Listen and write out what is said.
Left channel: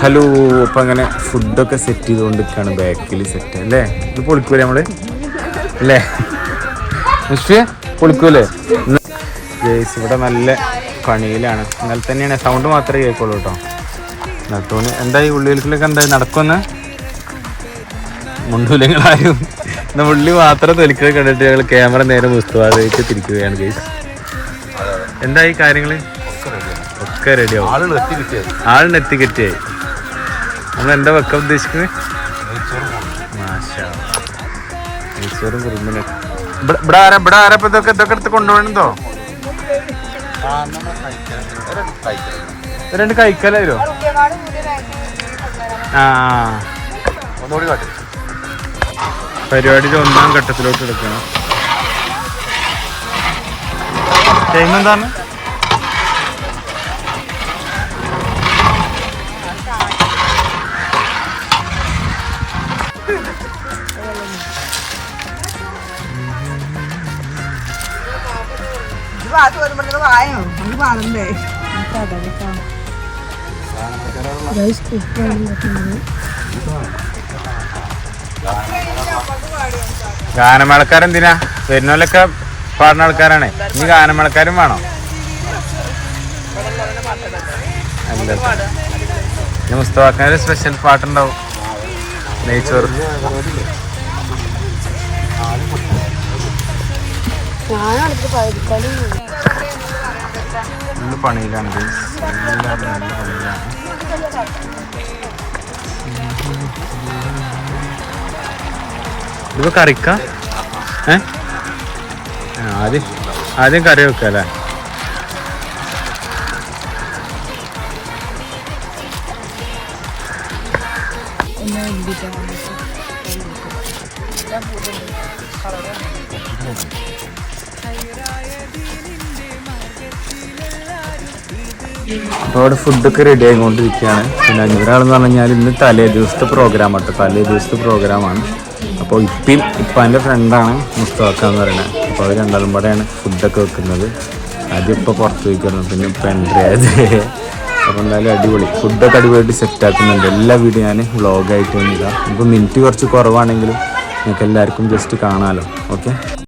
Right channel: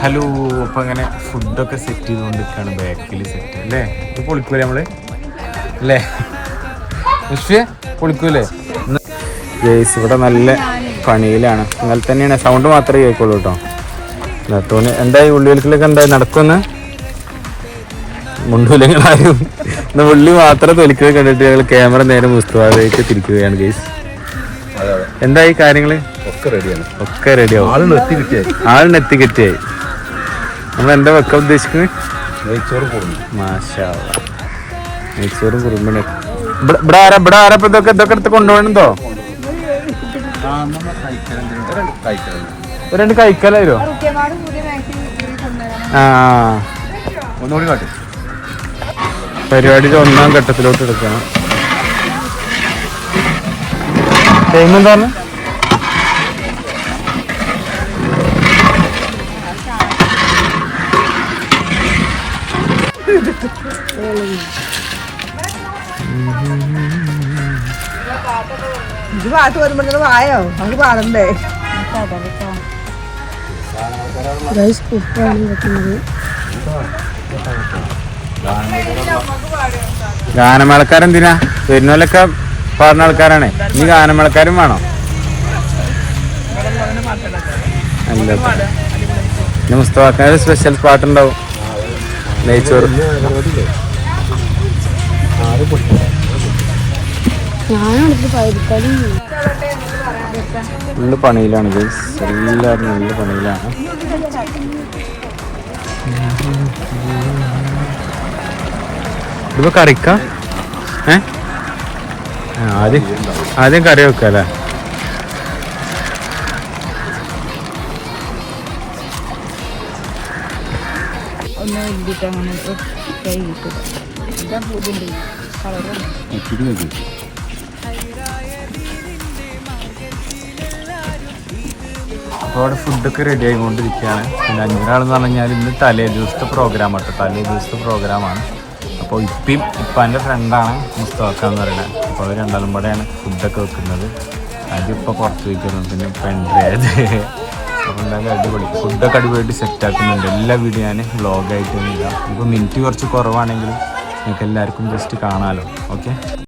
Hello അപ്പൊ അങ്ങനെ ഫുഡൊക്കെ സെറ്റ് ചെയ്തുകൊണ്ടിരിക്കുകയാണ്. ബാക്കിൽ സെറ്റ് അല്ലേ? ഇത് പൊളിക്കൂലേ നമ്മൾ? അല്ലേ? പക്ഷേ പൊളിക്കൂലേ? ഇവിടെ നല്ല പണിയിലാണ്. എന്നാൽ തന്നെയാണ്. സൗണ്ട് മാത്രമേ കേൾക്കുള്ളൂ കേട്ടോ. തോന്നി എന്തായി? ഉള്ളികൾക്കിലൊക്കെ എന്തായി? നടക്കുമെന്ന് മുണ്ടുലങ്ങളായും ഉള്ളി മാത്രം തൊലിക്കുക കണ്ടിട്ട് ഞങ്ങൾ ക്യാമറ നേരെ മുസ്തുവാദിലേക്ക് തിരിക്കുകയാണ് ഗേസ് എന്തായി കാര്യങ്ങൾ? ഒക്കെ റെഡിയാണ് ഒക്കെ റെഡിയാവും ആൾ എത്തി കിട്ടിയായി. ആളിന് എത്തിക്കെത്തിയായി നമ്മൾ എന്താ വെക്കാൻ ഉദ്ദേശിക്കുന്നത് കൊണ്ടുപോകണോ പോകുന്നു മാഷാ. നെയ്ച്ചോറും കുറുമ്പനും ഇവിടെ ആരാ ഇവിടെ ആരാ ഇപ്പൊ ഇതൊക്കെ ഇതൊക്കെ എടുത്ത് കൊണ്ടുപോകണെന്തോ രണ്ട് കഴിക്കലോ ആ. പരിപാടിയുടെ ഒന്നാം ഘട്ടത്തിലോട്ട് എടുക്കണം പോകുന്നെന്താണ് ഇത് പാട്ട് വരുമ്പോഴത്തേക്ക് വായോ? നമുക്ക് പാടണ്ടേ? ഗാനമേളക്കാരെന്തിനാ? വരുന്നോലൊക്കെ പാടുന്ന ആൾക്കാരാണേ. ഇനി ഗാനമേളക്കാരും വേണോ. മുസ്തഫാക്കാര് സ്പെഷ്യൽ പാട്ടുണ്ടാവും. നല്ല പണിയിലാണ്. എല്ലാവരും നല്ല പണിയിലാണ്. ഇത് കറിക്ക? ഏ? ആദ്യം ആദ്യം കറി വെക്കല്ലേ ഒന്ന് കൈ അപ്പോൾ അവിടെ ഫുഡൊക്കെ റെഡി ആയിക്കൊണ്ടിരിക്കുകയാണ്. പിന്നെ അഞ്ഞൂറാളെന്ന് പറഞ്ഞു കഴിഞ്ഞാൽ ഇന്ന് തലേ ദിവസത്തെ പ്രോഗ്രാം ആട്ടോ തലേ ദിവസത്തെ പ്രോഗ്രാമാണ് അപ്പോൾ ഇപ്പം ഇപ്പം എന്റെ ഫ്രണ്ടാണ് മുസ്തഫ എന്ന് പറയുന്നത് അപ്പോൾ അവർ രണ്ടാളും കൂടെയാണ് ഫുഡൊക്കെ വെക്കുന്നത്. അതിപ്പോൾ പുറത്ത് വയ്ക്കുന്നത് പിന്നെ ഇപ്പം എന്റെ അപ്പോൾ എന്തായാലും അടിപൊളി. ഫുഡൊക്കെ അടിപൊളിയായിട്ട് സെറ്റ് ആക്കുന്നുണ്ട്. എല്ലാ വീഡിയോ ഞാൻ വ്ളോഗായിട്ട് വന്നില്ല ഇപ്പോൾ മിനിറ്റ് കുറച്ച് കുറവാണെങ്കിലും നിങ്ങൾക്ക് എല്ലാവർക്കും ജസ്റ്റ് കാണാമല്ലോ ഓക്കെ